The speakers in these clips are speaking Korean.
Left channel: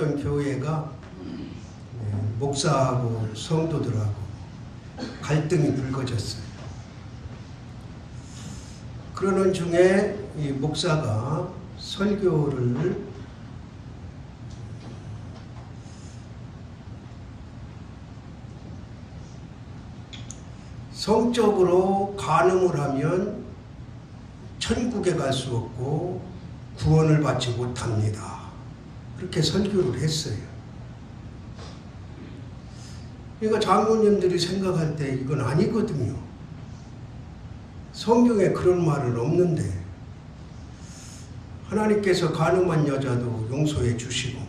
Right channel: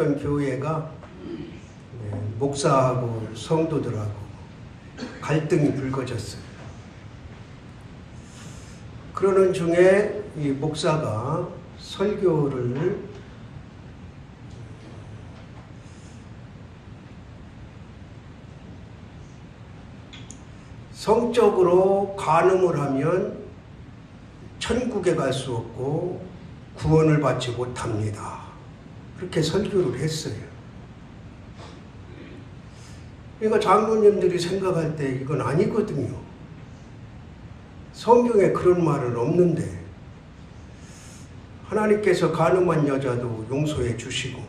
어떤 교회가 목사하고 성도들하고 갈등이 불거졌어요. 그러는 중에 이 목사가 설교를 성적으로 간음을 하면 천국에 갈 수 없고 구원을 받지 못합니다. 그렇게 설교를 했어요. 그러니까 장로님들이 생각할 때 이건 아니거든요. 성경에 그런 말은 없는데 하나님께서 간음한 여자도 용서해 주시고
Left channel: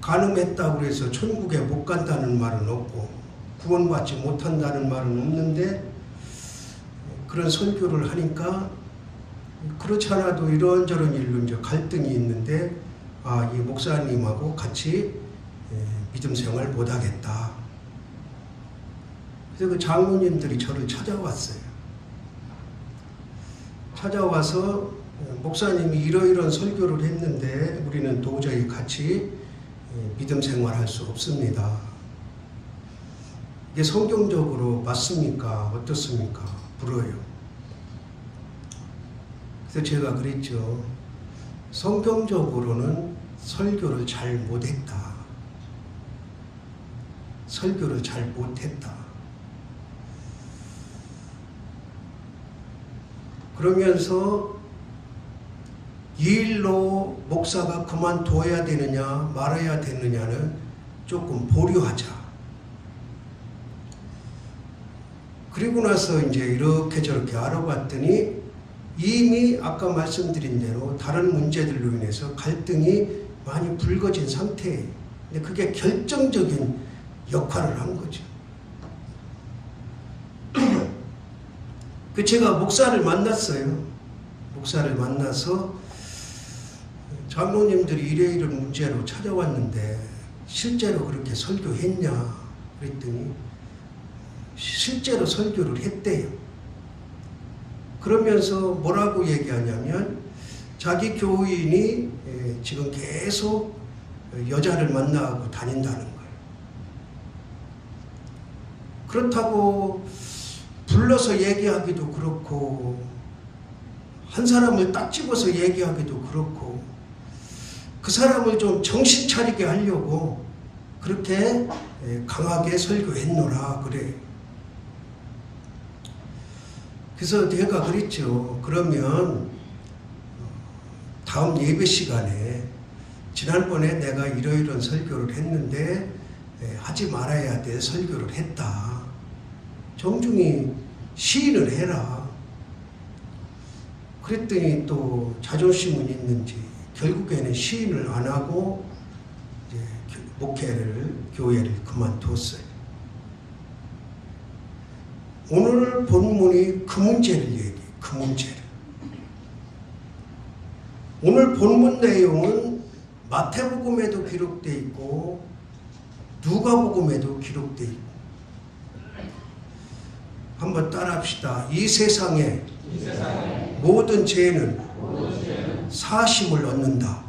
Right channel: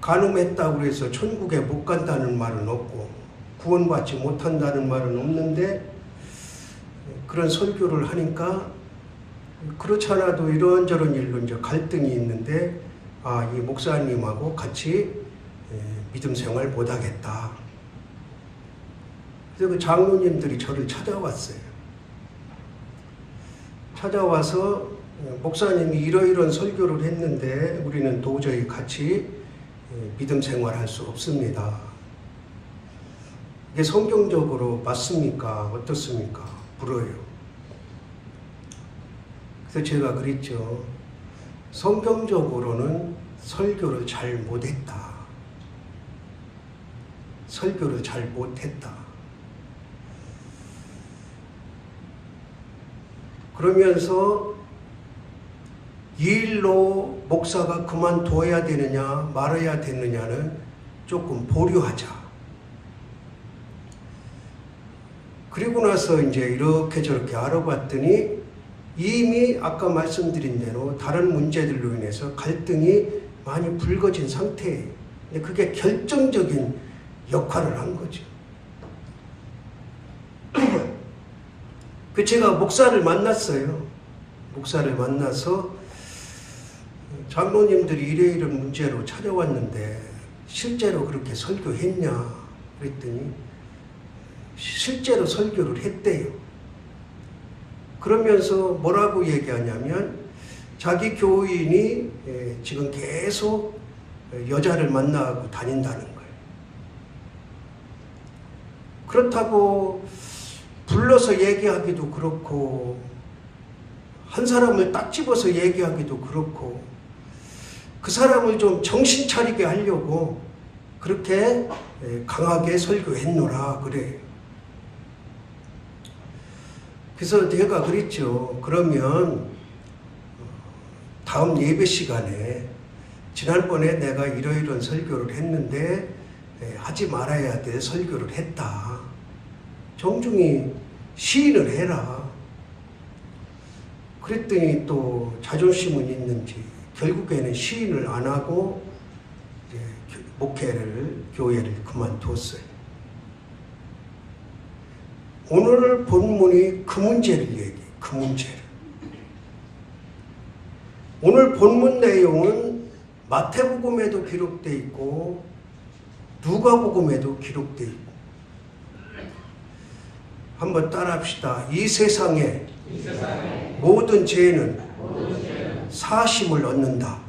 간음했다고 해서 천국에 못 간다는 말은 없고 구원받지 못한다는 말은 없는데 그런 설교를 하니까 그렇지 않아도 이런저런 일로 이제 갈등이 있는데 이 목사님하고 같이 믿음 생활 못하겠다. 그래서 그 장로님들이 저를 찾아왔어요. 찾아와서 목사님이 이러이러한 설교를 했는데 우리는 도저히 같이 믿음 생활할 수 없습니다. 이게 성경적으로 맞습니까? 어떻습니까? 물어요. 그래서 제가 그랬죠. 성경적으로는 설교를 잘 못했다. 설교를 잘 못했다. 그러면서 이 일로 목사가 그만둬야 되느냐 말아야 되느냐는 조금 보류하자. 그리고 나서 이제 이렇게 저렇게 알아봤더니 이미 아까 말씀드린 대로 다른 문제들로 인해서 갈등이 많이 불거진 상태예요. 근데 그게 결정적인 역할을 한 거죠. 제가 목사를 만났어요. 목사를 만나서 장로님들이 이러이러한 문제로 찾아왔는데 실제로 그렇게 설교했냐 그랬더니 실제로 설교를 했대요. 그러면서 뭐라고 얘기하냐면 자기 교인이 지금 계속 여자를 만나고 다닌다는 거예요. 그렇다고 불러서 얘기하기도 그렇고 한 사람을 딱 집어서 얘기하기도 그렇고 그 사람을 좀 정신 차리게 하려고 그렇게 강하게 설교했노라 그래요. 그래서 내가 그랬죠. 그러면 다음 예배 시간에 지난번에 내가 이러이러한 설교를 했는데 하지 말아야 될 설교를 했다. 정중히 시인을 해라. 그랬더니 또 자존심은 있는지 결국에는 시인을 안 하고 이제 교회를 그만뒀어요. 오늘 본문이 그 문제를 얘기해요. 그 문제를. 오늘 본문 내용은 마태복음에도 기록되어 있고 누가복음에도 기록되어 있고 한번 따라합시다. 이 세상에 모든 죄는 사심을 얻는다.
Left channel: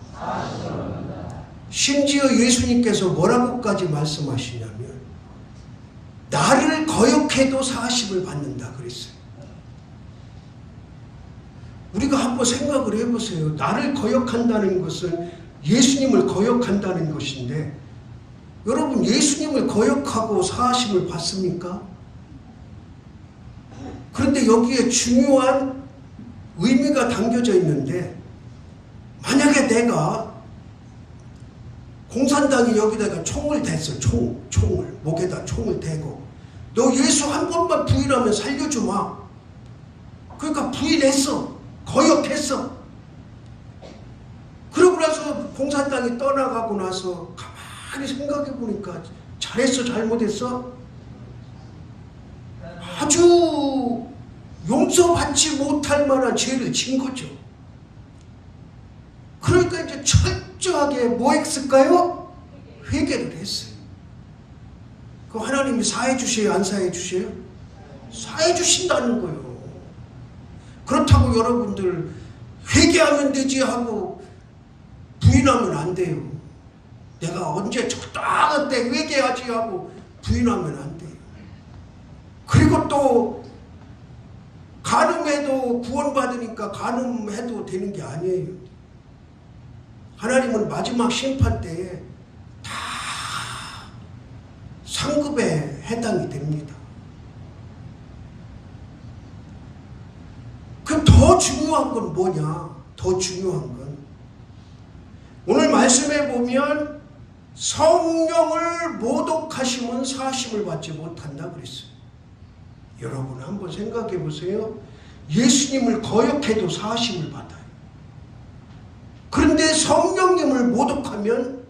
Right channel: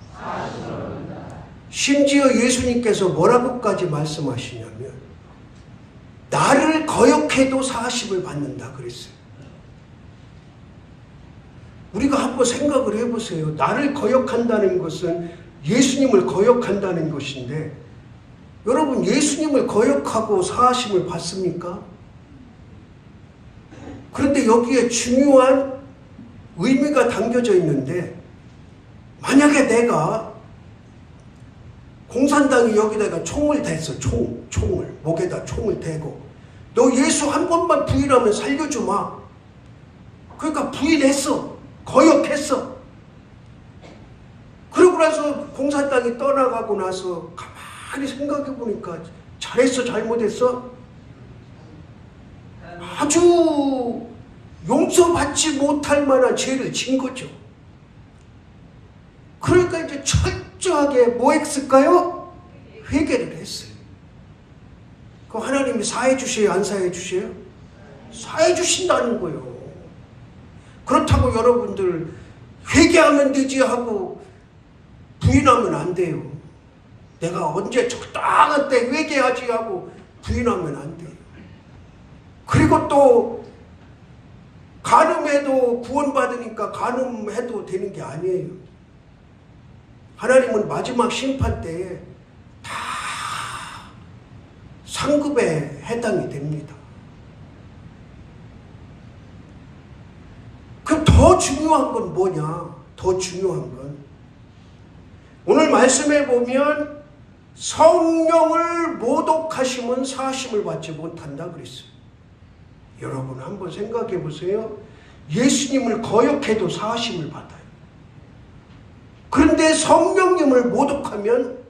심지어 예수님께서 뭐라고까지 말씀하시냐면 나를 거역해도 사심을 받는다 그랬어요. 우리가 한번 생각을 해보세요. 나를 거역한다는 것은 예수님을 거역한다는 것인데 여러분 예수님을 거역하고 사심을 받습니까? 그런데 여기에 중요한 의미가 담겨져 있는데 만약에 내가 공산당이 여기다가 총을 댔어. 총을 목에다 총을 대고 너 예수 한 번만 부인하면 살려주마. 그러니까 부인했어. 거역했어. 그러고 나서 공산당이 떠나가고 나서 가만히 생각해 보니까 잘했어 잘못했어? 아주 용서받지 못할 만한 죄를 진 거죠. 그러니까 이제 철저하게 뭐 했을까요? 회개를 했어요. 그럼 하나님이 사해 주세요? 안 사해 주세요? 사해 주신다는 거예요. 그렇다고 여러분들 회개하면 되지 하고 부인하면 안 돼요. 내가 언제 적당한 때 회개하지 하고 부인하면 안 돼요. 그리고 또 간음해도 구원받으니까 간음해도 되는 게 아니에요. 하나님은 마지막 심판 때에 다 상급에 해당이 됩니다. 그럼 더 중요한 건 뭐냐? 더 중요한 건 오늘 말씀에 보면 성령을 모독하시면 사하심을 받지 못한다 그랬어요. 여러분 한번 생각해 보세요. 예수님을 거역해도 사하심을 받아요. 그런데 성령님을 모독하면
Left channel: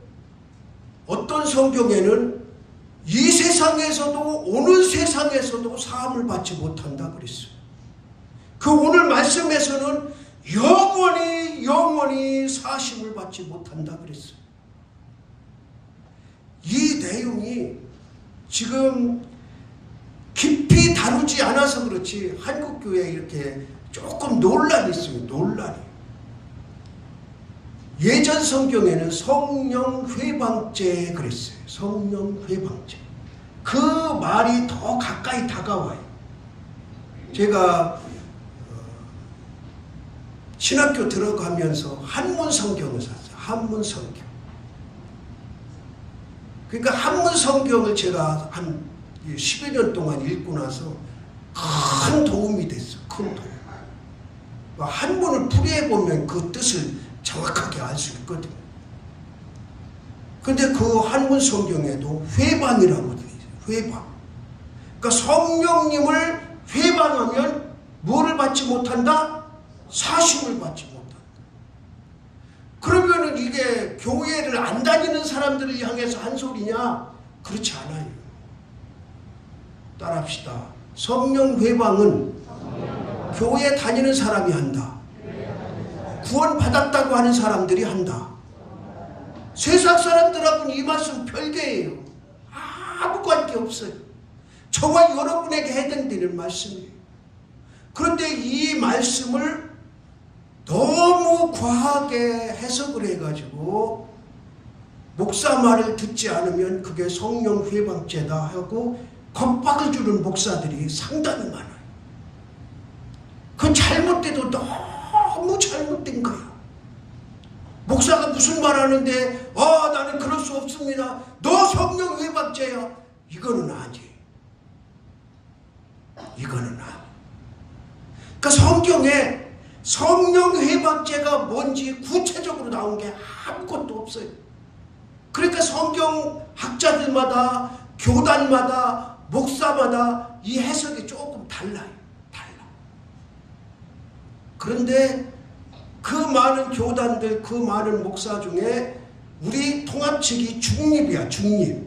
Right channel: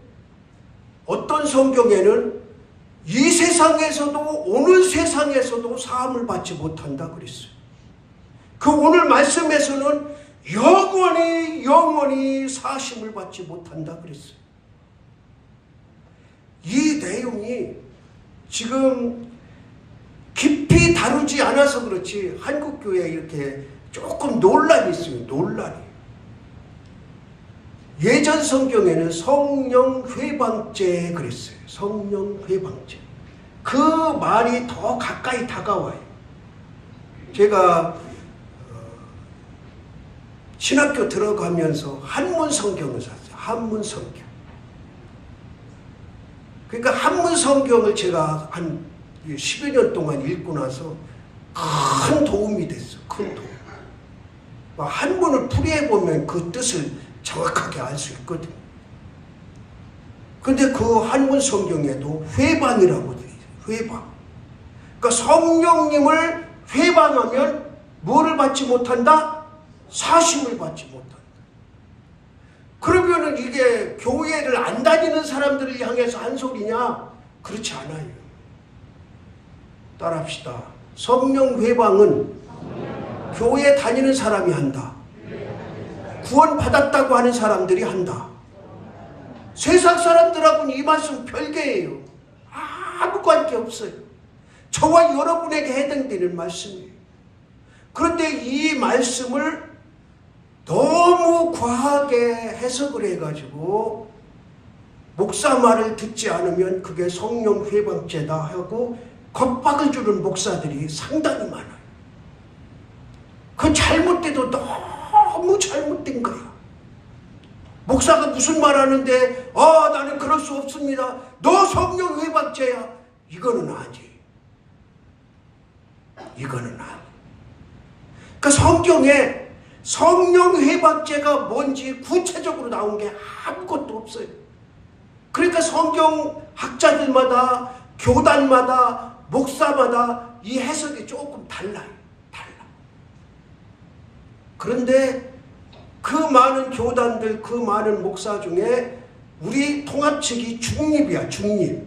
어떤 성경에는 이 세상에서도 오늘 세상에서도 사함을 받지 못한다 그랬어요. 그 오늘 말씀에서는 영원히 사심을 받지 못한다 그랬어요. 이 내용이 지금 깊이 다루지 않아서 그렇지 한국교회에 이렇게 조금 논란이 있어요. 논란이. 예전 성경에는 성령 회방죄 그랬어요. 성령 회방죄. 그 말이 더 가까이 다가와요. 제가 신학교 들어가면서 한문 성경을 샀어요. 한문 성경. 그러니까 한문 성경을 제가 한 10여 년 동안 읽고 나서 큰 도움이 됐어요. 큰 도움. 한문을 풀이해보면 그 뜻을 정확하게 알 수 있거든요. 근데 그 한문 성경에도 회방이라고 되어 있어요. 회방. 그러니까 성령님을 회방하면 뭐를 받지 못한다? 사심을 받지 못한다. 그러면은 이게 교회를 안 다니는 사람들을 향해서 한 소리냐? 그렇지 않아요. 따라합시다. 성령 회방은 교회 다니는 사람이 한다. 구원 받았다고 하는 사람들이 한다. 세상 사람들하고는 이 말씀 별개예요. 아무 관계 없어요. 저와 여러분에게 해당되는 말씀이에요. 그런데 이 말씀을 너무 과하게 해석을 해가지고 목사 말을 듣지 않으면 그게 성령 회방죄다 하고 겁박을 주는 목사들이 상당히 많아요. 그건 잘못돼도 너무 잘못된 거야. 목사가 무슨 말 하는데 나는 그럴 수 없습니다. 너 성령 회방죄야. 이거는 아니에요. 이거는 아니에요. 그 성경에 성령 회방죄가 뭔지 구체적으로 나온 게 아무것도 없어요. 그러니까 성경 학자들마다 교단마다 목사마다 이 해석이 조금 달라요. 그런데 그 많은 교단들, 그 많은 목사 중에 우리 통합측이 중립이야, 중립.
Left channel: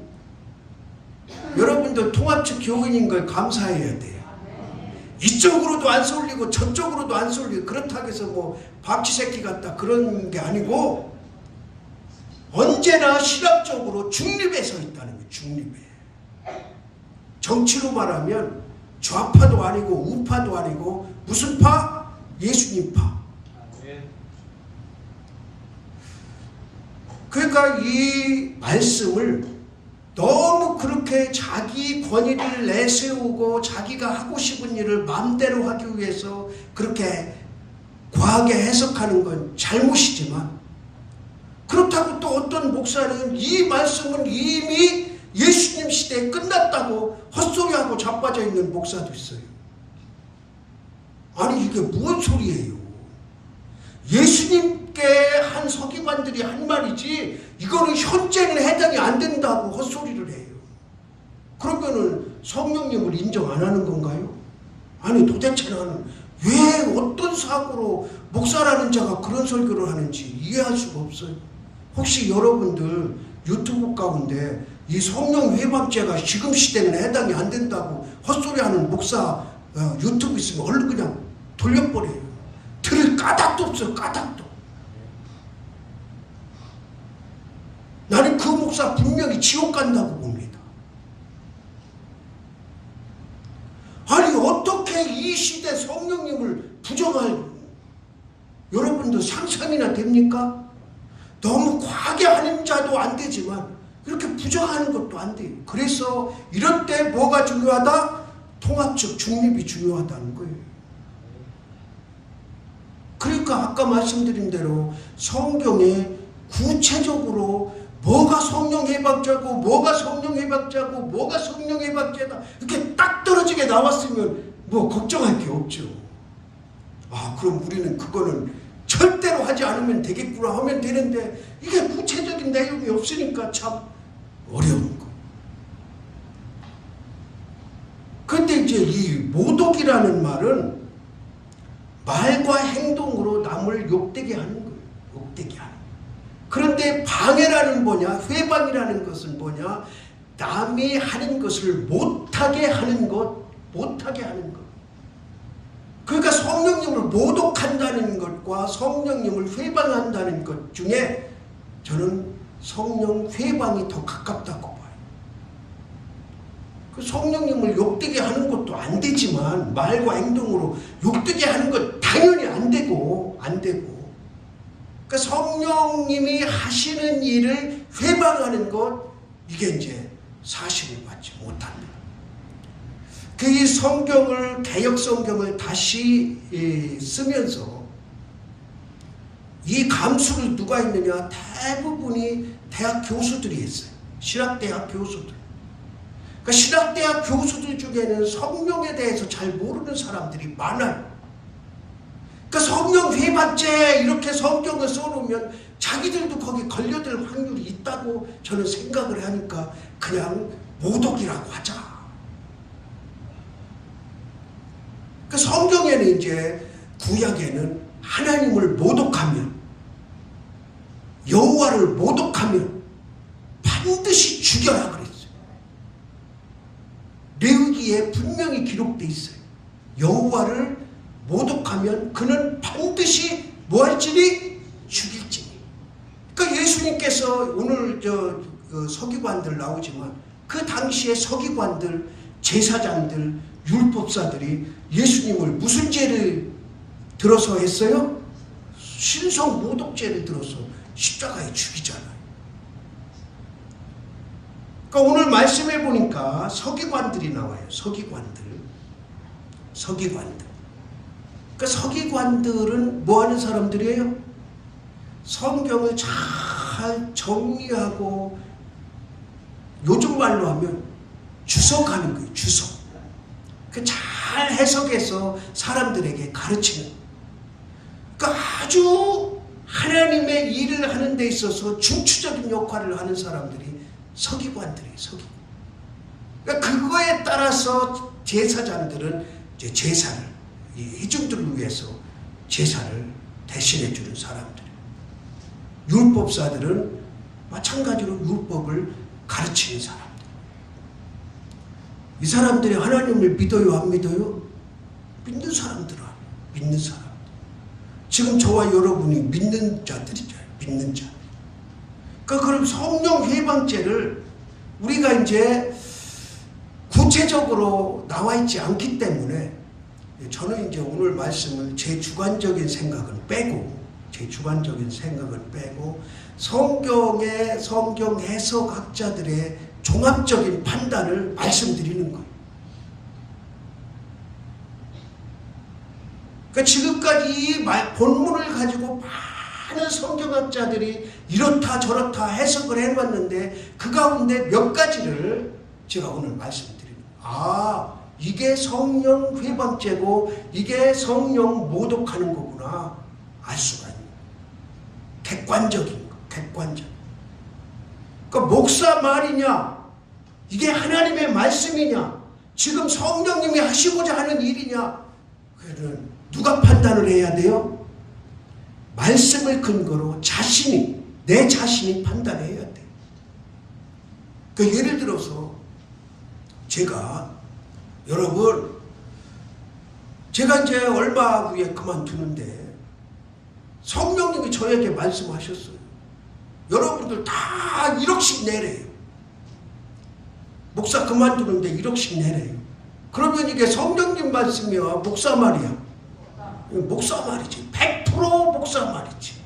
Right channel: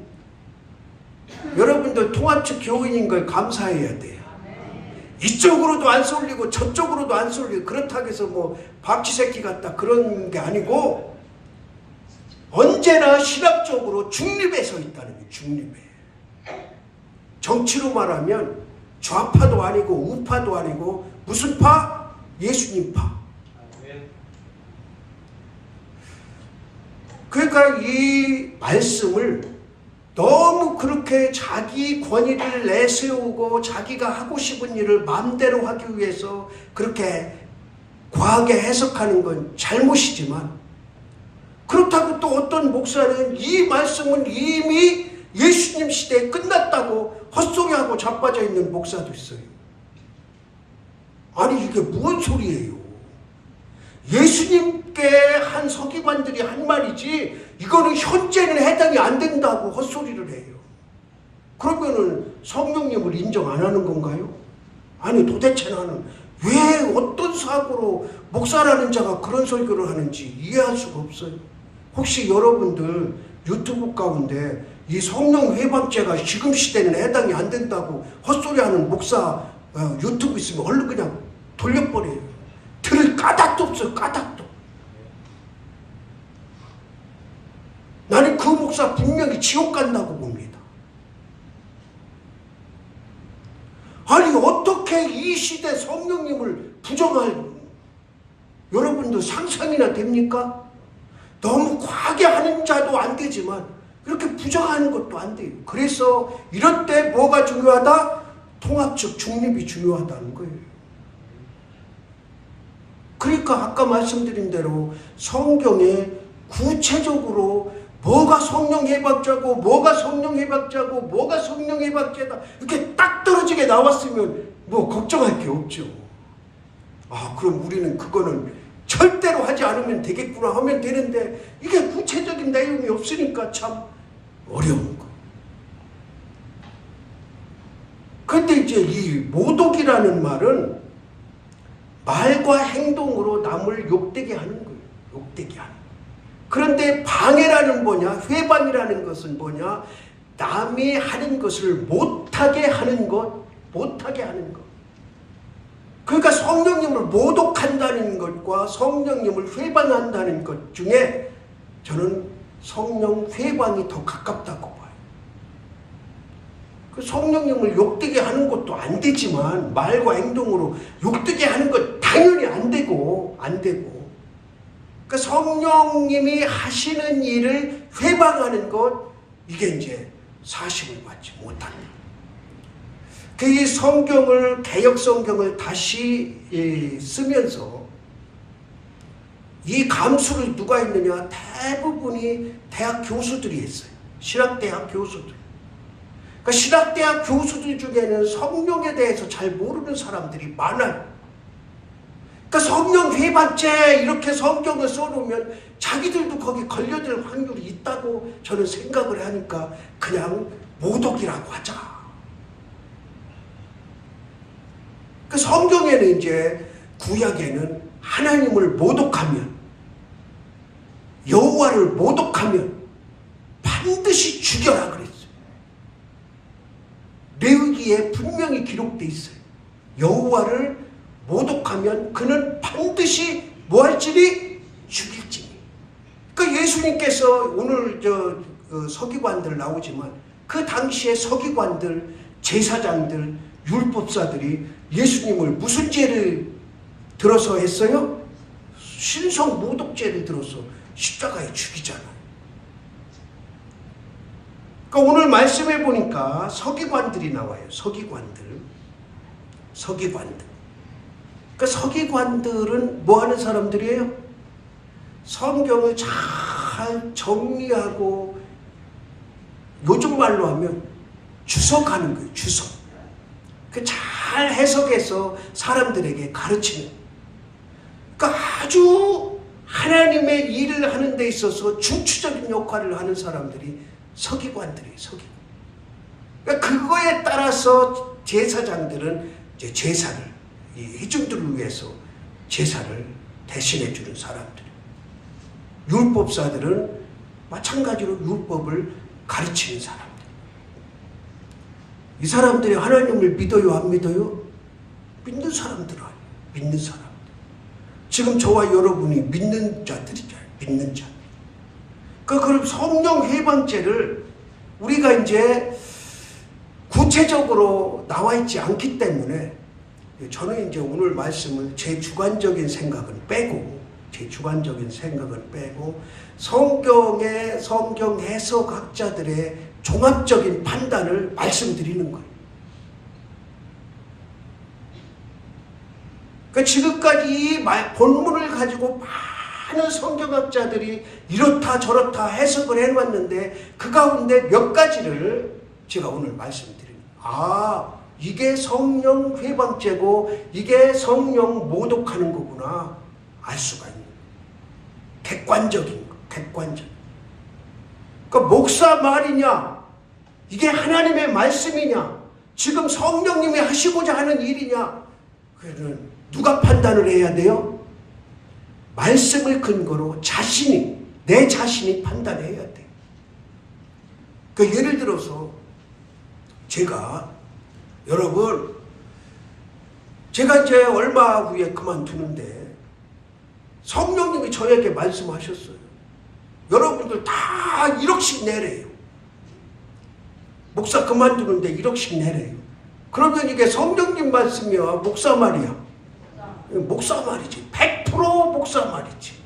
여러분들 통합측 교인인 걸 감사해야 돼요. 이쪽으로도 안 쏠리고 저쪽으로도 안 쏠리고 그렇다고 해서 뭐 박쥐새끼 같다 그런 게 아니고 언제나 신학적으로 중립에 서 있다는 거예요. 중립에. 정치로 말하면 좌파도 아니고 우파도 아니고 무슨 파? 예수님파. 그러니까 이 말씀을 너무 그렇게 자기 권위를 내세우고 자기가 하고 싶은 일을 마음대로 하기 위해서 그렇게 과하게 해석하는 건 잘못이지만 그렇다고 또 어떤 목사는 이 말씀은 이미 예수님 시대에 끝났다고 헛소리하고 자빠져 있는 목사도 있어요. 아니 이게 무슨 소리예요? 예수님께 한 서기관들이 한 말이지 이거는 현재는 해당이 안 된다고 헛소리를 해요. 그러면은 성령님을 인정 안 하는 건가요? 아니 도대체 나는 왜 어떤 사고로 목사라는 자가 그런 설교를 하는지 이해할 수가 없어요. 혹시 여러분들 유튜브 가운데 이 성령 회방죄가 지금 시대는 해당이 안 된다고 헛소리하는 목사 유튜브 있으면 얼른 그냥 돌려버려요. 들을 까닭도 없어요. 까닭도. 나는 그 목사 분명히 지옥 간다고 봅니다. 아니 어떻게 이 시대 성령님을 부정할 여러분도 상상이나 됩니까? 너무 과하게 하는 자도 안 되지만 그렇게 부정하는 것도 안 돼요. 그래서 이럴 때 뭐가 중요하다? 통합적 중립이 중요하다는 거예요. 그러니까 아까 말씀드린 대로 성경에 구체적으로 뭐가 성령 해박자고 뭐가 성령 해박자고 뭐가 성령 해박자다 이렇게 딱 떨어지게 나왔으면 뭐 걱정할 게 없죠. 그럼 우리는 그거는 절대로 하지 않으면 되겠구나 하면 되는데 이게 구체적인 내용이 없으니까 참 어려운 거. 그런데 이제 이 모독이라는 말은 말과 행동으로 남을 욕되게 하는 거예요. 욕되게 하는. 그런데 방해라는 뭐냐? 회방이라는 것은 뭐냐? 남이 하는 것을 못하게 하는 것, 못하게 하는 것. 그러니까 성령님을 모독한다는 것과 성령님을 회방한다는 것 중에 저는 성령 회방이 더 가깝다고 봐요. 그 성령님을 욕되게 하는 것도 안 되지만 말과 행동으로 욕되게 하는 것 당연히 안 되고 그 성령님이 하시는 일을 회방하는 것 이게 이제 사실을 받지 못합니다. 그 성경을 개역 성경을 다시 쓰면서 이 감수를 누가 했느냐? 대부분이 대학 교수들이 했어요. 신학대학 교수들. 그러니까 신학대학 교수들 중에는 성령에 대해서 잘 모르는 사람들이 많아요. 그러니까 성령 회방죄 이렇게 성경을 써놓으면 자기들도 거기 걸려들 확률이 있다고 저는 생각을 하니까 그냥 모독이라고 하자. 그 성경에는 이제 구약에는 하나님을 모독하면 여호와를 모독하면 반드시 죽여라 그랬어요. 레위기에 분명히 기록되어 있어요. 여호와를 모독하면 그는 반드시 뭐 할지니 죽일지니. 그러니까 예수님께서 오늘 서기관들 나오지만 그 당시에 서기관들, 제사장들, 율법사들이 예수님을 무슨 죄를 들어서 했어요? 신성 모독죄를 들어서 십자가에 죽이잖아요. 그러니까 오늘 말씀해 보니까 서기관들이 나와요. 서기관들. 그러니까 서기관들은 뭐 하는 사람들이에요? 성경을 잘 정리하고 요즘 말로 하면 주석하는 거예요. 주석. 잘 해석해서 사람들에게 가르치는. 그러니까 아주 하나님의 일을 하는 데 있어서 중추적인 역할을 하는 사람들이 서기관들이에요. 서기관. 그러니까 그거에 따라서 제사장들은 이제 제사를 이 회중들을 위해서 제사를 대신해 주는 사람들. 율법사들은 마찬가지로 율법을 가르치는 사람들. 이 사람들이 하나님을 믿어요, 안 믿어요? 믿는 사람들은 믿는 사람들. 지금 저와 여러분이 믿는 자들이잖아요. 믿는 자. 그럼 성령 회방죄를 우리가 이제 구체적으로 나와 있지 않기 때문에 저는 이제 오늘 말씀을 제 주관적인 생각은 빼고 성경의 성경 해석학자들의 종합적인 판단을 말씀드리는 거예요. 그러니까 지금까지 이 본문을 가지고 많은 성경학자들이 이렇다 저렇다 해석을 해왔는데 그 가운데 몇 가지를 제가 오늘 말씀드립니다. 이게 성령 회방죄고 이게 성령 모독하는 거구나 알 수가 있는 객관적인 거. 그러니까 목사 말이냐? 이게 하나님의 말씀이냐? 지금 성령님이 하시고자 하는 일이냐? 그는 누가 판단을 해야 돼요? 말씀을 근거로 내 자신이 판단해야 돼. 그러니까 예를 들어서 제가 이제 얼마 후에 그만두는데 성령님이 저에게 말씀하셨어요. 여러분들 다 1억씩 내래요. 목사 그만두는데 1억씩 내래요. 그러면 이게 성령님 말씀이야? 목사 말이야? 목사 말이지. 100% 목사 말이지.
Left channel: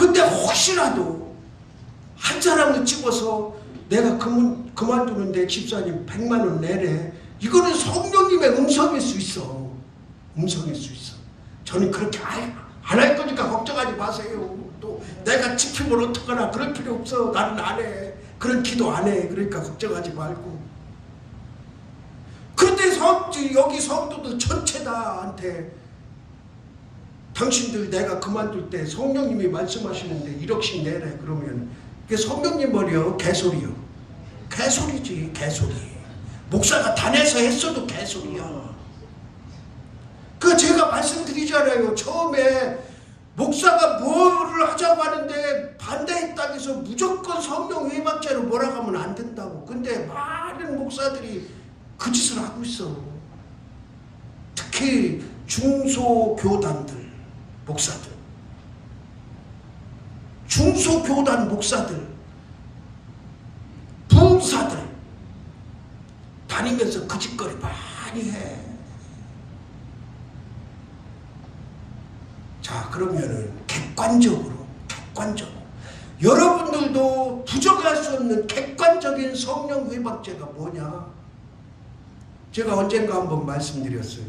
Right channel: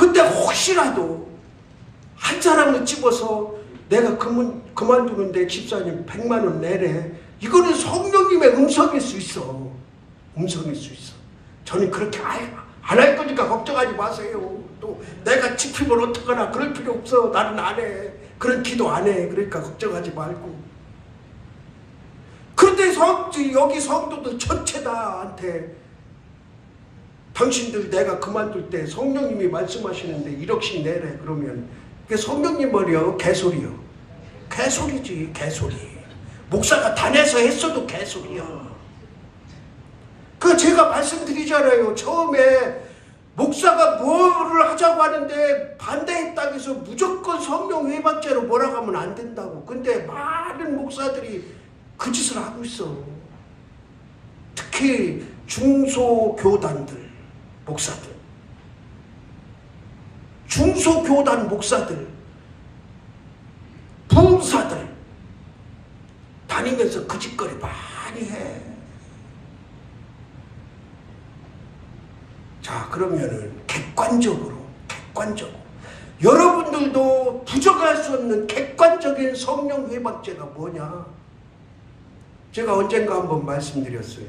근데 혹시라도 한 사람을 찍어서 내가 그만두는데 집사님 100만 원 내래. 이거는 성령님의 음성일 수 있어. 음성일 수 있어. 저는 그렇게 안 할 거니까 걱정하지 마세요. 또 내가 지키면 어떡하나 그럴 필요 없어. 나는 안 해. 그런 기도 안 해. 그러니까 걱정하지 말고. 그런데 여기 성도들 전체 다한테 당신들 내가 그만둘 때 성령님이 말씀하시는데 1억씩 내래. 그러면 그게 성령님 말이요? 개소리요. 개소리지. 개소리. 목사가 다 내서 했어도 개소리야. 그 제가 말씀드리잖아요. 처음에 목사가 뭐를 하자고 하는데 반대했다고 해서 무조건 성령 회박제로 뭐라고 하면 안 된다고. 근데 많은 목사들이 그 짓을 하고 있어. 특히 중소교단들 목사들, 중소교단 목사들, 부흥사들 다니면서 그 짓거리 많이 해. 자, 그러면은 객관적으로 여러분들도 부정할 수 없는 객관적인 성령 회박제가 뭐냐? 제가 언젠가 한번 말씀드렸어요.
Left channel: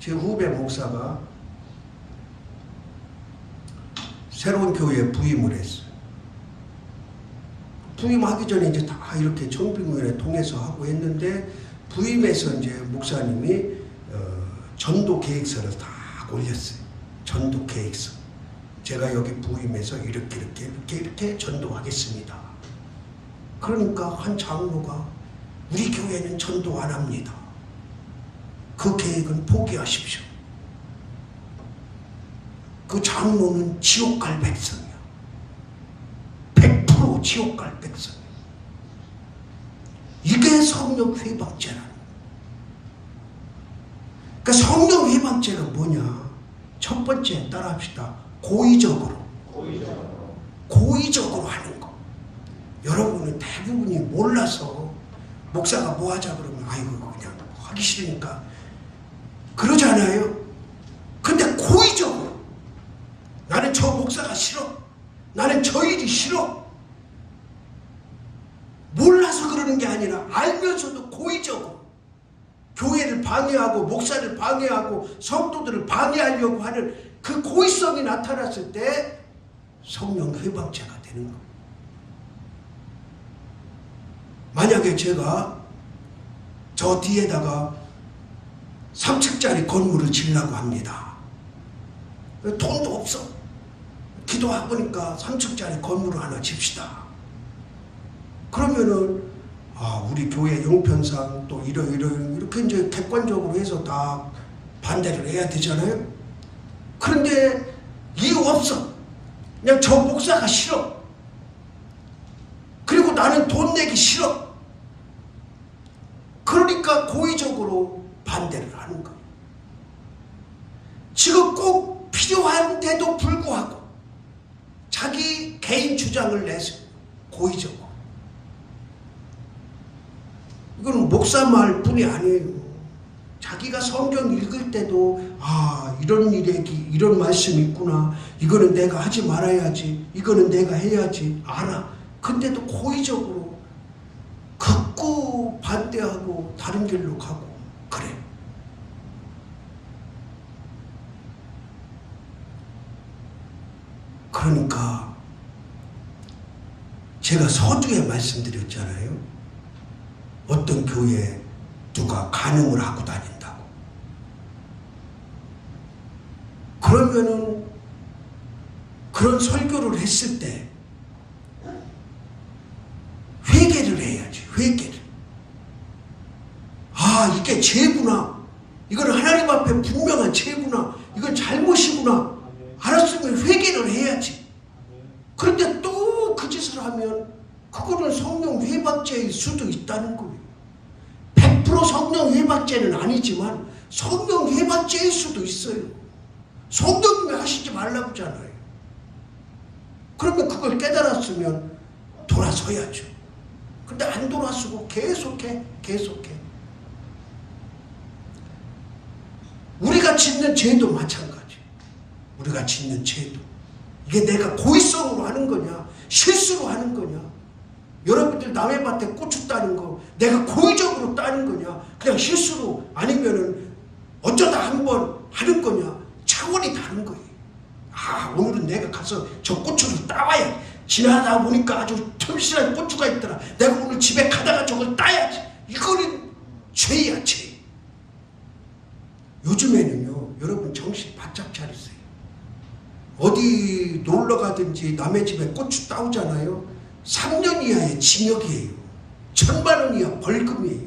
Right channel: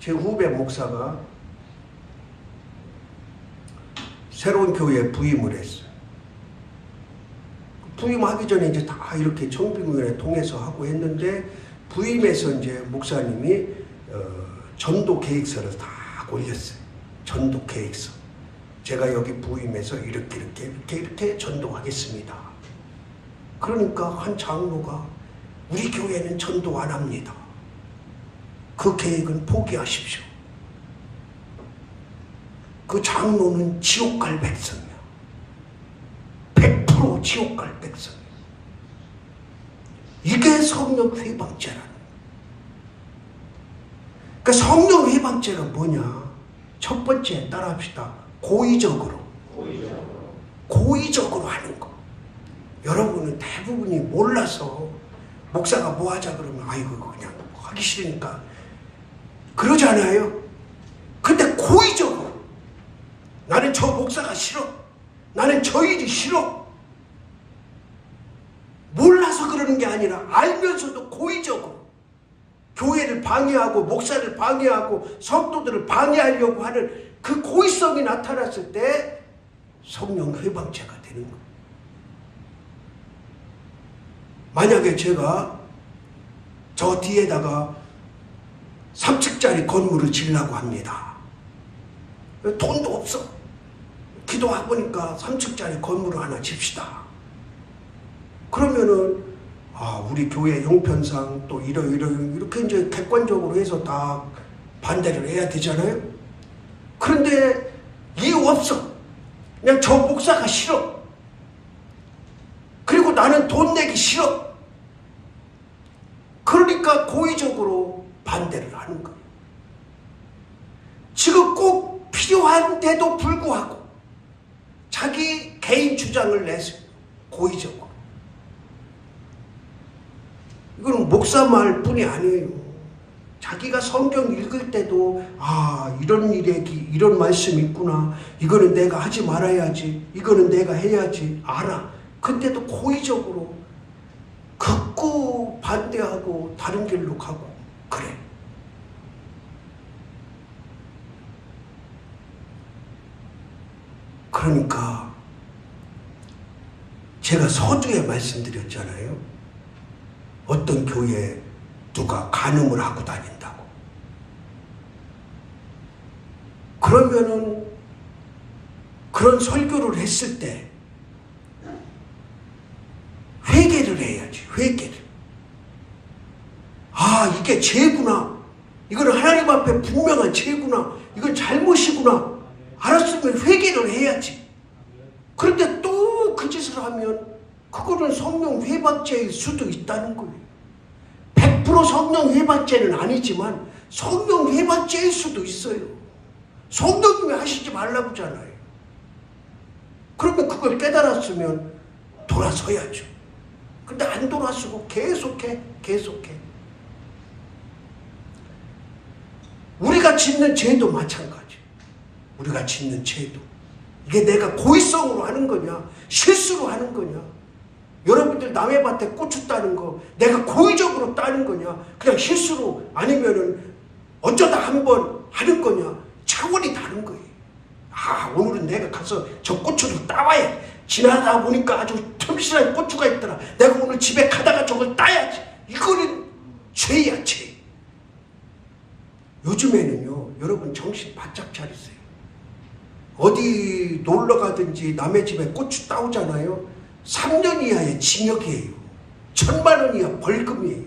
제 후배 목사가 새로운 교회에 부임을 했어요. 부임하기 전에 이제 다 이렇게 청빙위원회 통해서 하고 했는데, 부임해서 이제 목사님이 전도 계획서를 다 올렸어요. 전도 계획서. 제가 여기 부임해서 이렇게 전도하겠습니다. 그러니까 한 장로가 우리 교회는 전도 안 합니다. 그 계획은 포기하십시오. 그 장로는 지옥 갈 백성이야. 100% 지옥 갈 백성이야. 이게 성령 회박제라는 거야. 그러니까 성령 회박제는 뭐냐? 첫 번째 따라합시다. 고의적으로 하는 거. 여러분은 대부분이 몰라서 목사가 뭐 하자 그러면 아이고 그냥 하기 싫으니까 그러잖아요. 근데 고의적으로 나는 저 목사가 싫어. 나는 저 일이 싫어. 몰라서 그러는 게 아니라 알면서도 고의적으로 교회를 방해하고 목사를 방해하고 성도들을 방해하려고 하는 그 고의성이 나타났을 때 성령 회방제가 되는 거예요. 만약에 제가 저 뒤에다가 3층짜리 건물을 지으려고 합니다. 돈도 없어. 기도하고 보니까 3층짜리 건물을 하나 집시다. 그러면은 우리 교회 용편상 또 이렇게 이제 객관적으로 해서 다 반대를 해야 되잖아요. 그런데 이유 없어. 그냥 저 목사가 싫어. 그리고 나는 돈 내기 싫어. 그러니까 고의적으로 반대를 하는 거예요. 지금 꼭 필요한데도 불구하고 자기 개인 주장을 내세요. 고의적으로. 이건 목사 말뿐이 아니에요. 자기가 성경 읽을 때도 이런 이런 말씀이 있구나. 이거는 내가 하지 말아야지. 이거는 내가 해야지. 알아. 근데도 고의적으로 극구 반대하고 다른 길로 가고 그래. 그러니까 제가 서두에 말씀드렸잖아요. 어떤 교회에 누가 간음을 하고 다닌다고. 그러면은 그런 설교를 했을 때 회개를 해야지. 회개를. 이게 죄구나. 이건 하나님 앞에 분명한 죄구나. 이건 잘못이구나. 알았으면 회개를 해야지. 그런데 또 그 짓을 하면 그거는 성령 회박죄일 수도 있다는 거예요. 100% 성령 회박죄는 아니지만 성령 회박죄일 수도 있어요. 성령님이 하시지 말라고 하잖아요. 그러면 그걸 깨달았으면 돌아서야죠. 근데 안 돌아서고 계속해. 우리가 짓는 죄도 마찬가지. 우리가 짓는 죄도 이게 내가 고의성으로 하는 거냐, 실수로 하는 거냐. 여러분들 남의 밭에 고추 따는 거 내가 고의적으로 따는 거냐, 그냥 실수로, 아니면은 어쩌다 한번 하는 거냐. 차원이 다른 거예요. 아, 오늘은 내가 가서 저 고추를 따와야, 지나다 보니까 아주 틈실한 고추가 있더라, 내가 오늘 집에 가다가 저걸 따야지. 이거는 죄야, 죄. 요즘에는요, 여러분 정신 바짝 차리세요. 어디 놀러 가든지 남의 집에 고추 따오잖아요. 3년 이하의 징역이에요. 1,000만 원 이하 벌금이에요.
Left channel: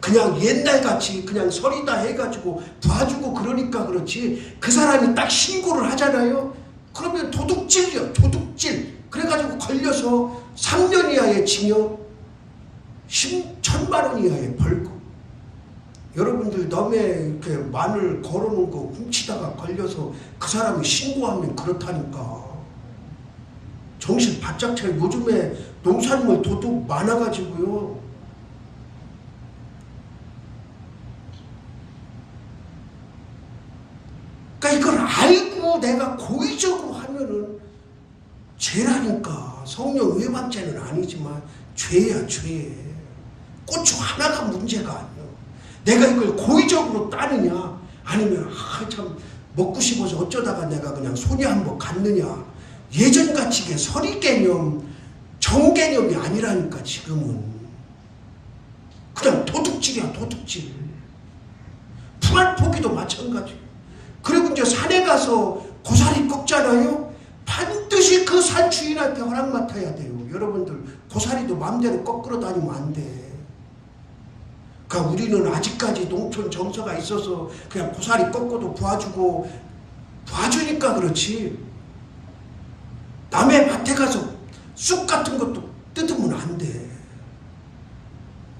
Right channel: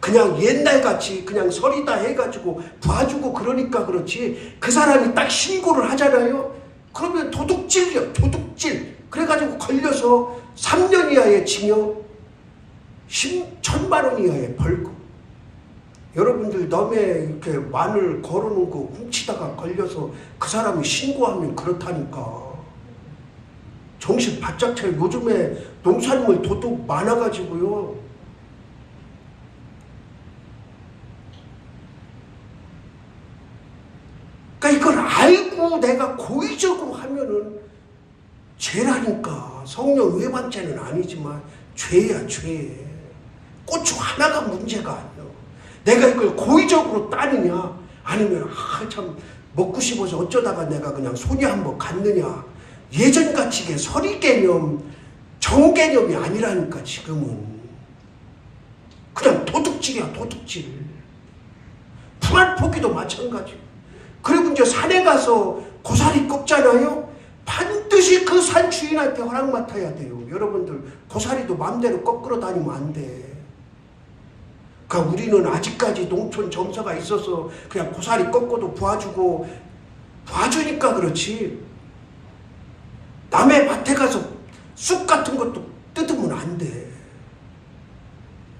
그냥 옛날같이 그냥 서리다 해가지고 봐주고 그러니까 그렇지, 그 사람이 딱 신고를 하잖아요. 그러면 도둑질이야, 도둑질. 그래가지고 걸려서 3년 이하의 징역, 1,000만 원 이하의 벌금. 여러분들 남의 이렇게 마늘 걸어놓은 거 훔치다가 걸려서 그 사람이 신고하면 그렇다니까. 정신 바짝 차려. 요즘에 농산물 도둑 많아가지고요. 그러니까 이걸 알고 내가 고의적으로 하면은 죄라니까. 성령 외반죄는 아니지만 죄야, 죄. 고추 하나가 문제가 아니야. 내가 이걸 고의적으로 따느냐, 아니면 참 먹고 싶어서 어쩌다가 내가 그냥 손이 한번 갔느냐. 예전같이 이게 서리 개념, 정 개념이 아니라니까. 지금은 그냥 도둑질이야, 도둑질. 풀알포기도 마찬가지. 그리고 이제 산에 가서 고사리 꺾잖아요. 반드시 그 산 주인한테 허락 맡아야 돼요. 여러분들 고사리도 마음대로 꺾으러 다니면 안 돼. 그러니까 우리는 아직까지 농촌 정서가 있어서 그냥 고사리 꺾어도 봐주니까 그렇지. 남의 밭에 가서 쑥 같은 것도 뜯으면 안 돼.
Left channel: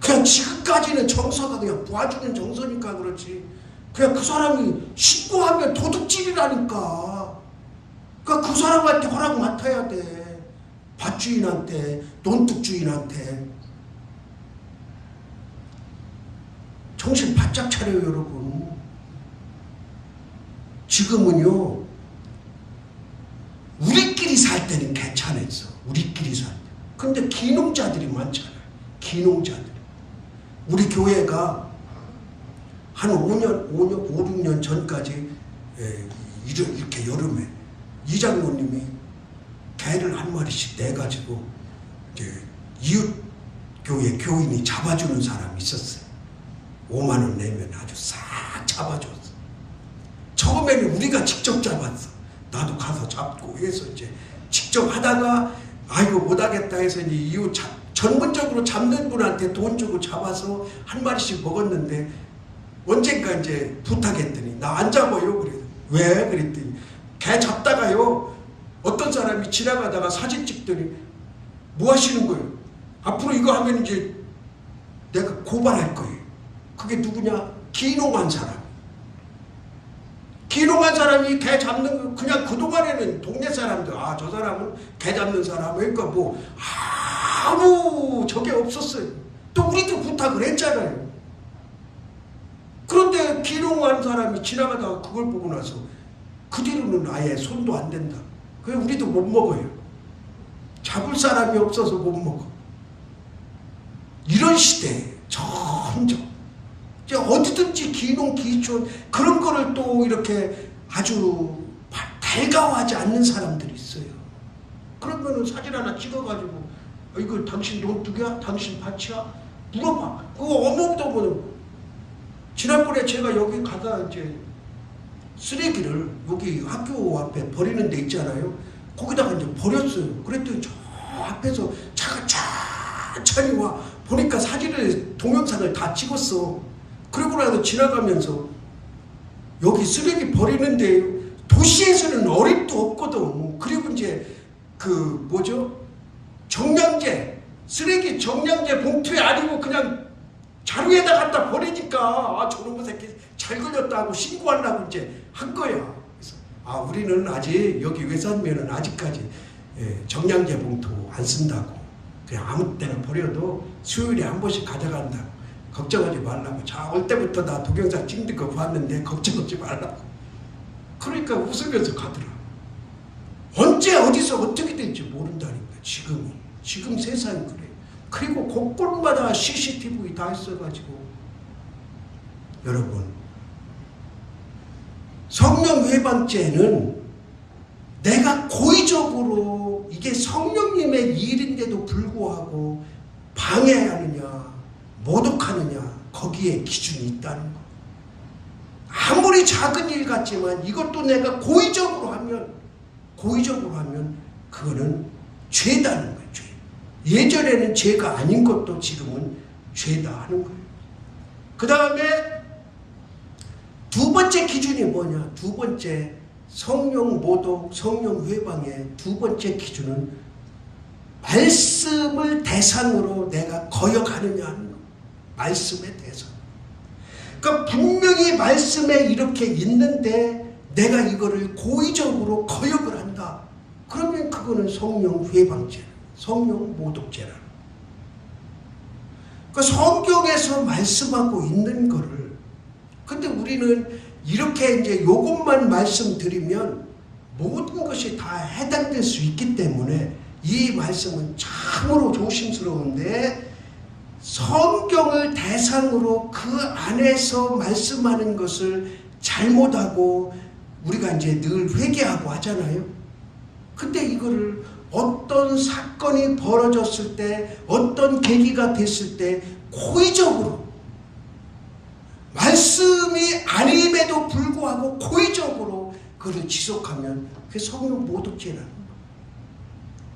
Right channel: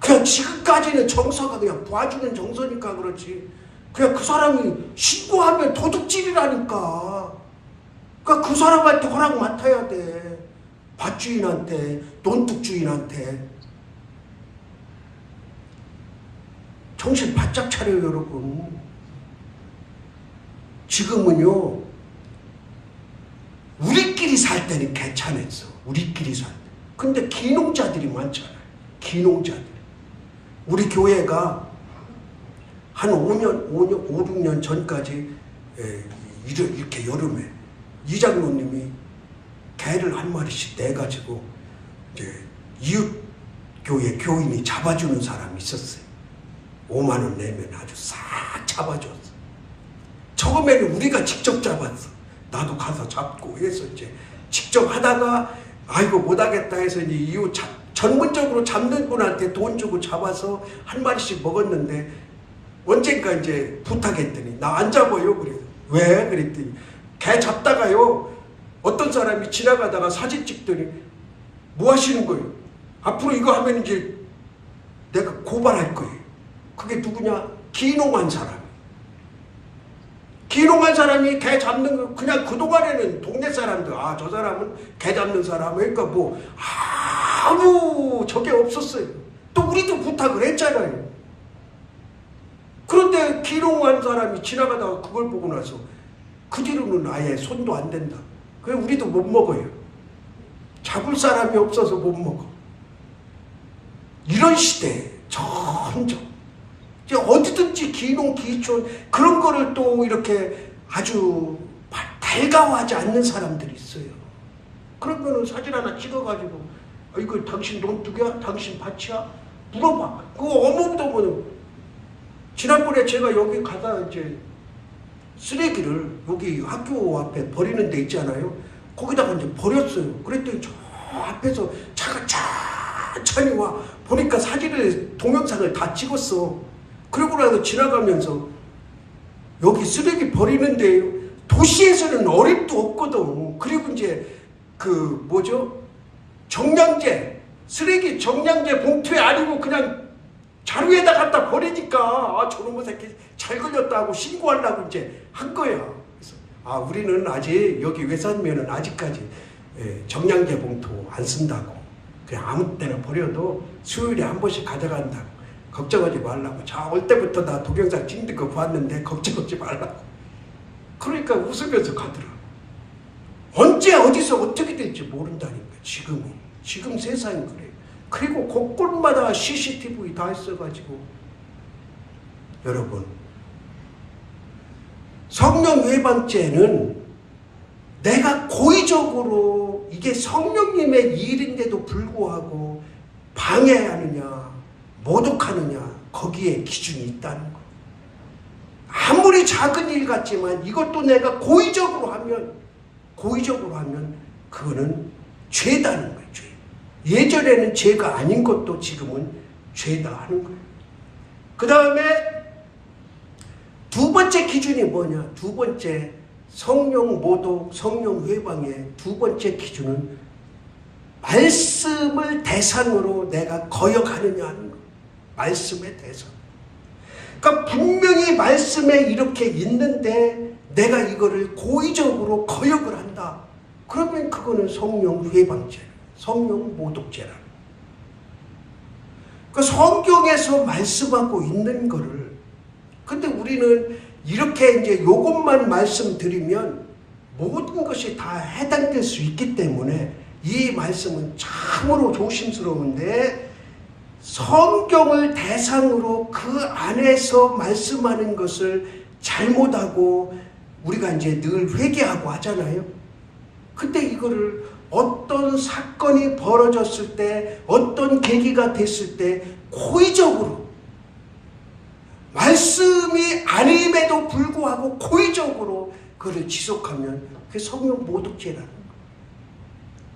그냥 지금까지는 정서가 그냥 봐주는 정서니까 그렇지. 그냥 그 사람이 신고하면 도둑질이라니까. 그러니까 그 사람한테 허락 맡아야 돼. 밭주인한테, 논둑주인한테. 정신 바짝 차려요, 여러분. 지금은요, 우리끼리 살 때는 괜찮았어. 우리끼리 살 때. 근데 기농자들이 많잖아요. 기농자들. 우리 교회가 한 5, 6년 전까지 이렇게 여름에 이장로님이 개를 한 마리씩 내가지고 이제 이웃 교회 교인이 잡아주는 사람이 있었어요. 5만 원 내면 아주 싹 잡아줬어. 처음에는 우리가 직접 잡았어. 나도 가서 잡고 해서 이제 직접 하다가 아이고 못하겠다 해서 이제 이웃 전문적으로 잡는 분한테 돈 주고 잡아서 한 마리씩 먹었는데, 언젠가 이제 부탁했더니 나 안 잡아요. 그래. 왜? 그랬더니 개 잡다가요, 어떤 사람이 지나가다가 사진 찍더니 뭐 하시는 거예요? 앞으로 이거 하면 이제 내가 고발할 거예요. 그게 누구냐? 기농한 사람. 기농한 사람이 개 잡는 거, 그냥 그동안에는 동네 사람들, 아, 저 사람은 개 잡는 사람, 그러니까 뭐 아무 저게 없었어요. 또 우리도 부탁을 했잖아요. 그런데 기농한 사람이 지나가다가 그걸 보고 나서 그 뒤로는 아예 손도 안 댄다. 그래서 우리도 못 먹어요. 잡을 사람이 없어서 못 먹어. 이런 시대에 점점 어디든지 기농, 기촌 그런 거를 또 이렇게 아주 달가워하지 않는 사람들이 있어요. 그러면은 사진 하나 찍어가지고 이거 당신 논둑이야? 당신 밭이야? 물어봐. 그거 어묵도 지난번에 제가 여기 가다 이제 쓰레기를 여기 학교 앞에 버리는 데 있잖아요. 거기다가 이제 버렸어요. 그랬더니 저 앞에서 차가 천천히 와. 보니까 사진을, 동영상을 다 찍었어. 그러고 나서 지나가면서 여기 쓰레기 버리는데 도시에서는 어림도 없거든. 그리고 이제 정량제, 쓰레기 정량제 봉투에 아니고 그냥 자루에다 갖다 버리니까 아, 저놈의 새끼 잘 걸렸다 하고 신고하려고 이제 한 거야. 그래서 아, 우리는 아직 여기 외산면은 아직까지 정량제 봉투 안 쓴다고. 그냥 아무 때나 버려도 수요일에 한 번씩 가져간다고. 걱정하지 말라고. 자, 올 때부터 나 동영상 찍는 거 봤는데 걱정하지 말라고. 그러니까 웃으면서 가더라고. 언제 어디서 어떻게 될지 모른다니까. 지금 세상이 그래요. 그리고 곳곳마다 CCTV 다 있어가지고 여러분, 성령 회방죄는 내가 고의적으로 이게 성령님의 일인데도 불구하고 방해하느냐 모독하느냐 거기에 기준이 있다는 거예요. 아무리 작은 일 같지만 이것도 내가 고의적으로 하면 그거는 죄다는 거예요. 죄. 예전에는 죄가 아닌 것도 지금은 죄다 하는 거예요. 그 다음에 두 번째 기준이 뭐냐? 두 번째 성령 모독, 성령 회방의 두 번째 기준은 말씀을 대상으로 내가 거역하느냐 하는 거예요. 말씀의 대상. 그러니까 분명히 말씀에 이렇게 있는데 내가 이거를 고의적으로 거역을 한다. 그러면 그거는 성령 회방죄, 성령 모독죄라. 그 성경에서 말씀하고 있는 거를, 근데 우리는 이렇게 이제 요것만 말씀드리면 모든 것이 다 해당될 수 있기 때문에 이 말씀은 참으로 조심스러운데, 성경을 대상으로 그 안에서 말씀하는 것을 잘못하고 우리가 이제 늘 회개하고 하잖아요. 근데 이거를 어떤 사건이 벌어졌을 때, 어떤 계기가 됐을 때 고의적으로, 말씀이 아님에도 불구하고 고의적으로 그걸 지속하면 그게 성령 모독죄라는 거예요.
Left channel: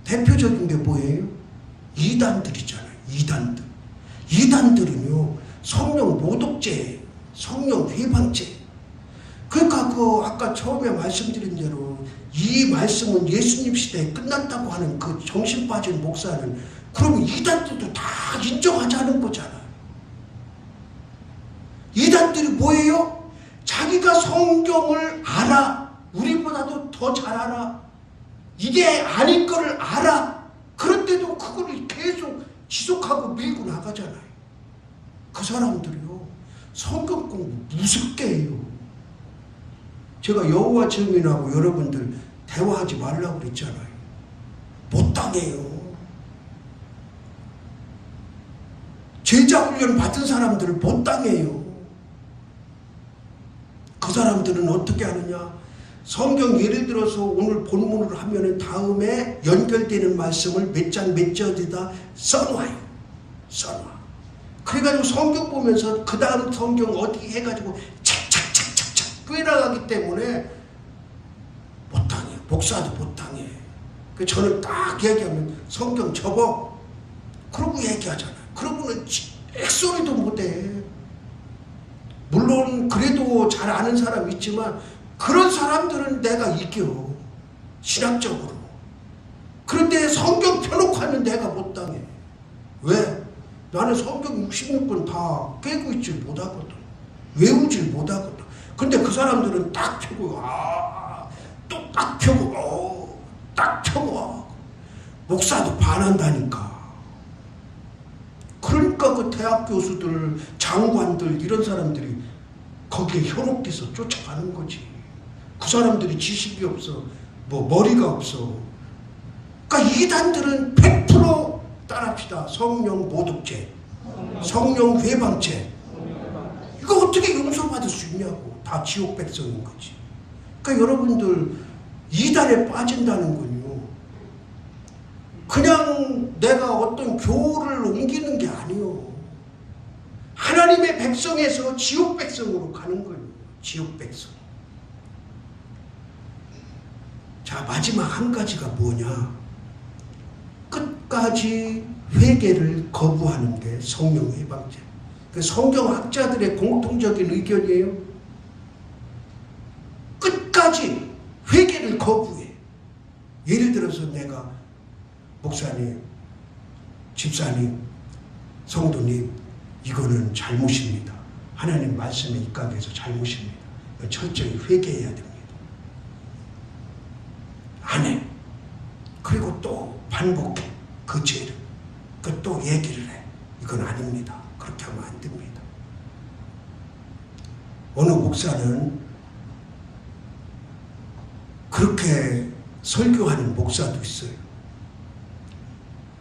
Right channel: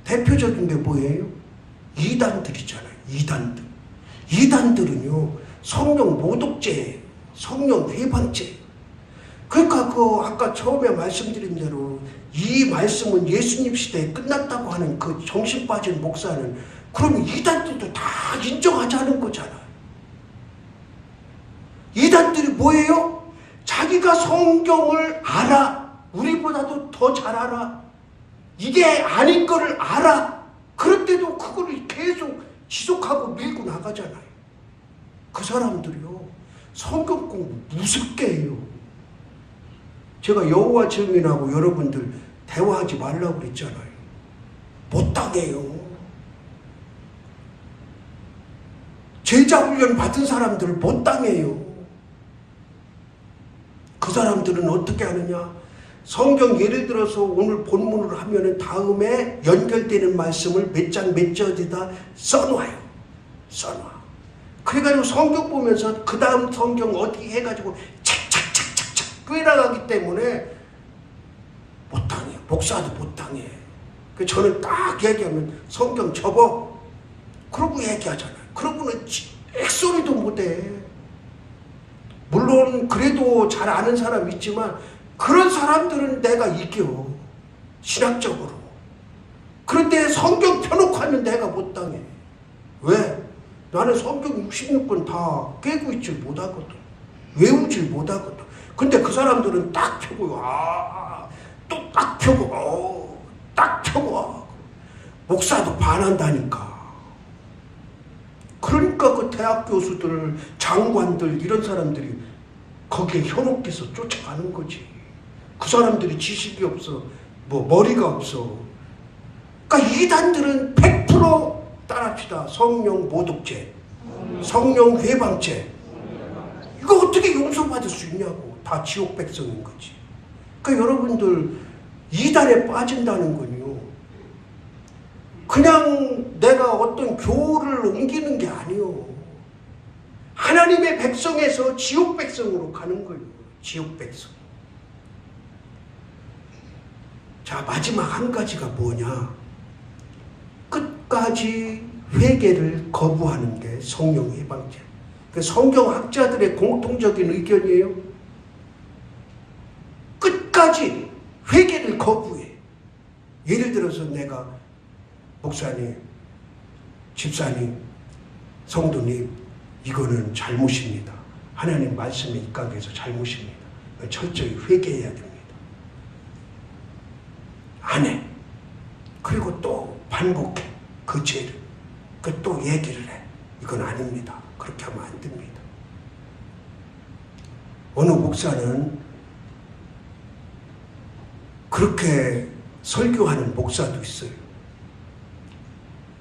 대표적인 게 뭐예요? 이단들이잖아요. 이단들은요 성령 모독죄, 성령 회방죄. 그러니까 아까 처음에 말씀드린 대로 이 말씀은 예수님 시대에 끝났다고 하는 그 정신 빠진 목사는 그럼 이단들도 다 인정하자는 거잖아요. 이단들이 뭐예요? 자기가 성경을 알아. 우리보다도 더 잘 알아. 이게 아닌 거를 알아. 그런데도 그거를 계속 지속하고 밀고 나가잖아요. 그 사람들이요 성경 공부 무섭게 해요. 제가 여호와 증인하고 여러분들 대화하지 말라고 그랬잖아요. 못 당해요. 제자훈련 받은 사람들을 못 당해요. 그 사람들은 어떻게 하느냐? 성경 예를 들어서 오늘 본문을 하면은 다음에 연결되는 말씀을 몇 장 몇 절에다 써놔요. 그래가지고 성경 보면서 그 다음 성경 어떻게 해가지고 착착착착착 꿰나가기 때문에 못당해. 목사도 못당해. 저는 딱 얘기하면 성경 접어. 그러고 얘기하잖아요. 그러고는 액소리도 못해. 물론 그래도 잘 아는 사람 있지만 그런 사람들은 내가 이겨. 신학적으로. 그런데 성경 펴놓고 하면 내가 못당해. 왜? 나는 성경 66권 다 깨고 있질 못하거든. 외우질 못하거든. 근데 그 사람들은 딱 펴고 또 딱 펴고 딱 펴고 목사도 반한다니까. 그러니까 그 대학 교수들, 장관들 이런 사람들이 거기에 현혹돼서 쫓아가는 거지. 그 사람들이 지식이 없어, 머리가 없어. 그러니까 이단들은 100% 따라합시다. 성령 모독죄, 성령 회방죄. 이거 어떻게 용서받을 수 있냐고. 다 지옥 백성인 거지. 그러니까 여러분들 이단에 빠진다는 건요, 그냥 내가 어떤 교를 옮기는 게 아니요. 하나님의 백성에서 지옥 백성으로 가는 거예요. 지옥 백성. 자, 마지막 한 가지가 뭐냐? 끝까지 회개를 거부하는 게 성령 회방죄. 성경학자들의 공통적인 의견이에요. 끝까지 회개를 거부해. 예를 들어서 내가 목사님, 집사님, 성도님, 이거는 잘못입니다. 하나님 말씀에 입각해서 잘못입니다. 철저히 회개해야 됩니다. 안 해. 그리고 또 반복해. 그 죄를. 또 얘기를 해. 이건 아닙니다. 그렇게 하면 안 됩니다. 어느 목사는 그렇게 설교하는 목사도 있어요.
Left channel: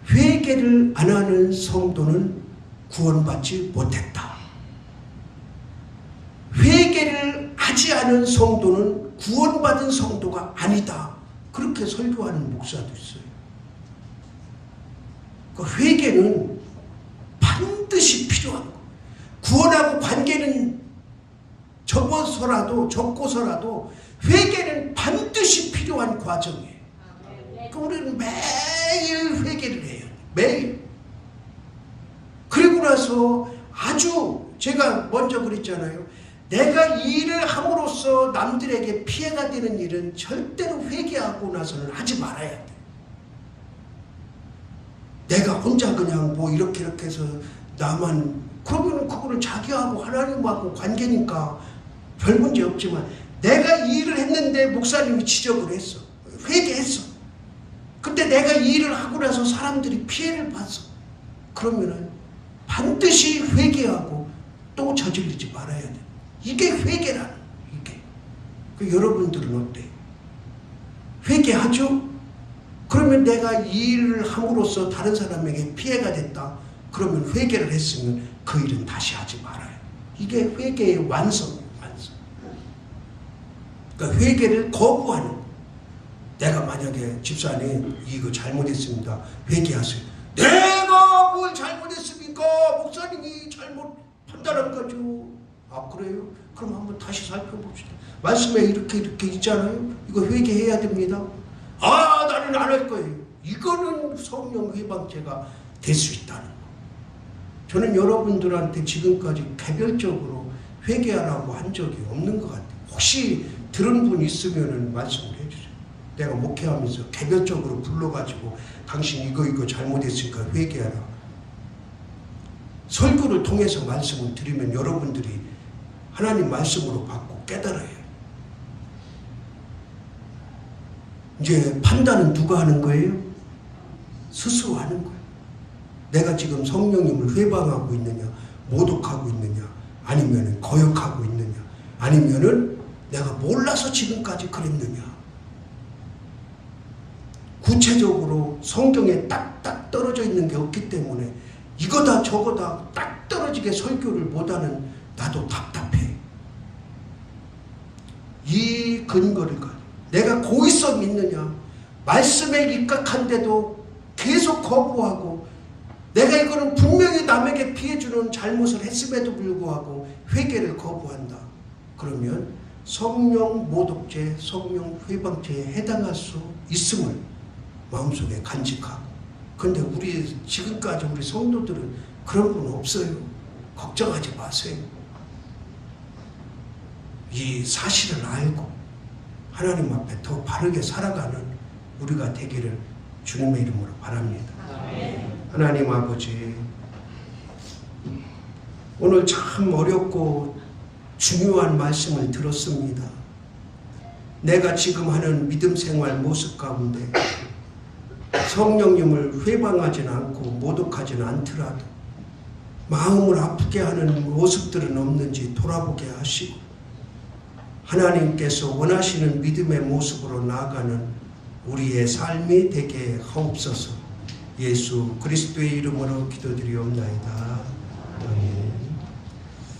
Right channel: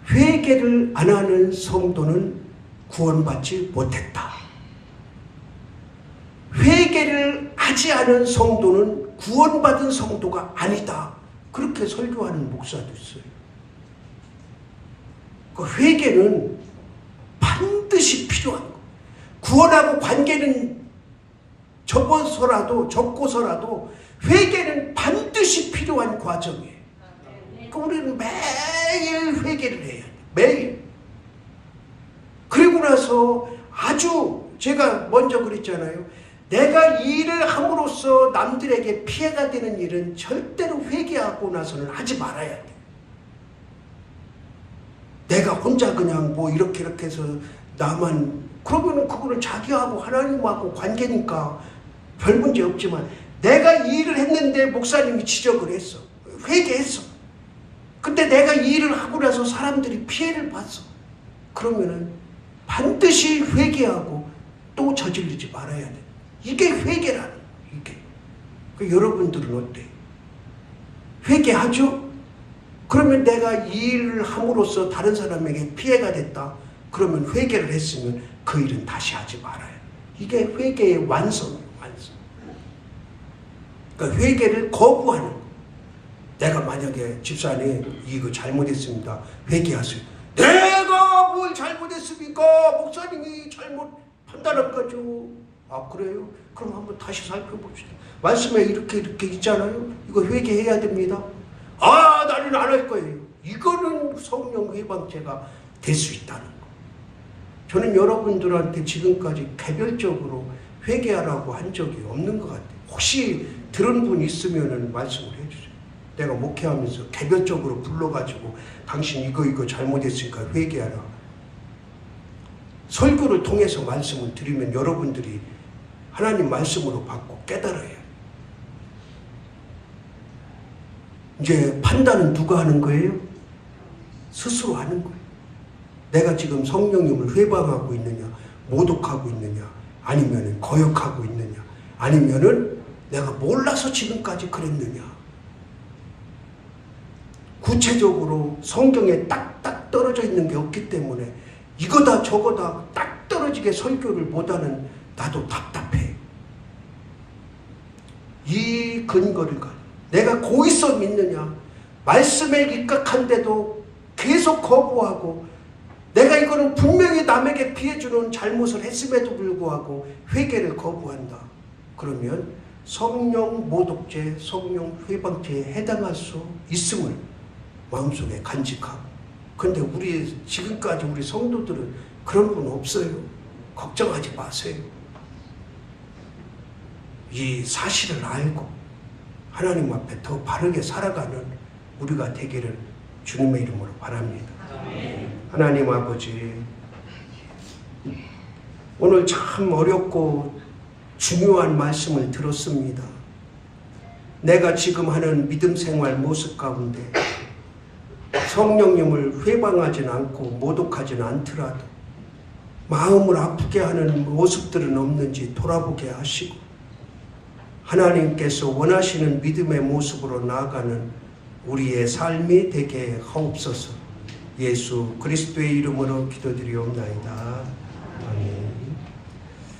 회개를 안 하는 성도는 구원받지 못했다. 회개를 하지 않은 성도는 구원받은 성도가 아니다. 그렇게 설교하는 목사도 있어요. 그 회개는 반드시 필요한 거. 구원하고 관계는 적고서라도 회개는 반드시 필요한 과정이에요. 그러니까 우리는 매일 회개를 해야 돼. 매일. 그리고 나서 아주 제가 먼저 그랬잖아요. 내가 이 일을 함으로써 남들에게 피해가 되는 일은 절대로 회개하고 나서는 하지 말아야 돼. 내가 혼자 그냥 뭐 이렇게 해서 나만, 그러면은 그거는 자기하고 하나님하고 관계니까 별 문제 없지만, 내가 이 일을 했는데 목사님이 지적을 했어. 회개했어. 근데 내가 이 일을 하고 나서 사람들이 피해를 봤어. 그러면은 반드시 회개하고 또 저지르지 말아야 돼. 이게 회개라는 거예요. 이게. 그 여러분들은 어때요? 회개하죠? 그러면 내가 이 일을 함으로써 다른 사람에게 피해가 됐다. 그러면 회개를 했으면 그 일은 다시 하지 말아요. 이게 회개의 완성이에요. 완성. 그러니까 회개를 거부하는 거예요. 내가 만약에 집사님 이거 잘못했습니다. 회개하세요. 내가 뭘 잘못했습니까? 목사님이 잘못 판단한 거죠. 아 그래요? 그럼 한번 다시 살펴봅시다. 말씀에 이렇게 있잖아요. 이거 회개해야 됩니다. 아 나는 안 할 거예요. 이거는 성령 회방죄가 될 수 있다는 거. 저는 여러분들한테 지금까지 개별적으로 회개하라고 한 적이 없는 것 같아요. 혹시 들은 분 있으면 말씀을 해주세요. 내가 목회하면서 개별적으로 불러가지고 당신 이거 잘못했으니까 회개하라. 설교를 통해서 말씀을 드리면 여러분들이 하나님 말씀으로 받고 깨달아요. 이제 판단은 누가 하는 거예요? 스스로 하는 거예요. 내가 지금 성령님을 회방하고 있느냐, 모독하고 있느냐, 아니면 거역하고 있느냐, 아니면은 내가 몰라서 지금까지 그랬느냐. 구체적으로 성경에 딱딱 떨어져 있는 게 없기 때문에 이거다 저거다 딱 떨어지게 설교를 못하는 나도 답답해. 이 근거를 가지고 내가 고의서 믿느냐, 말씀에 입각한데도 계속 거부하고, 내가 이거는 분명히 남에게 피해주는 잘못을 했음에도 불구하고 회개를 거부한다. 그러면 성령 모독죄, 성령 회방죄에 해당할 수 있음을 마음속에 간직하고. 근데 지금까지 우리 성도들은 그런 건 없어요. 걱정하지 마세요. 이 사실을 알고 하나님 앞에 더 바르게 살아가는 우리가 되기를 주님의 이름으로 바랍니다. 하나님 아버지, 오늘 참 어렵고 중요한 말씀을 들었습니다. 내가 지금 하는 믿음 생활 모습 가운데 성령님을 회방하지는 않고 모독하지는 않더라도 마음을 아프게 하는 모습들은 없는지 돌아보게 하시고, 하나님께서 원하시는 믿음의 모습으로 나아가는 우리의 삶이 되게 하옵소서. 예수 그리스도의 이름으로 기도드리옵나이다.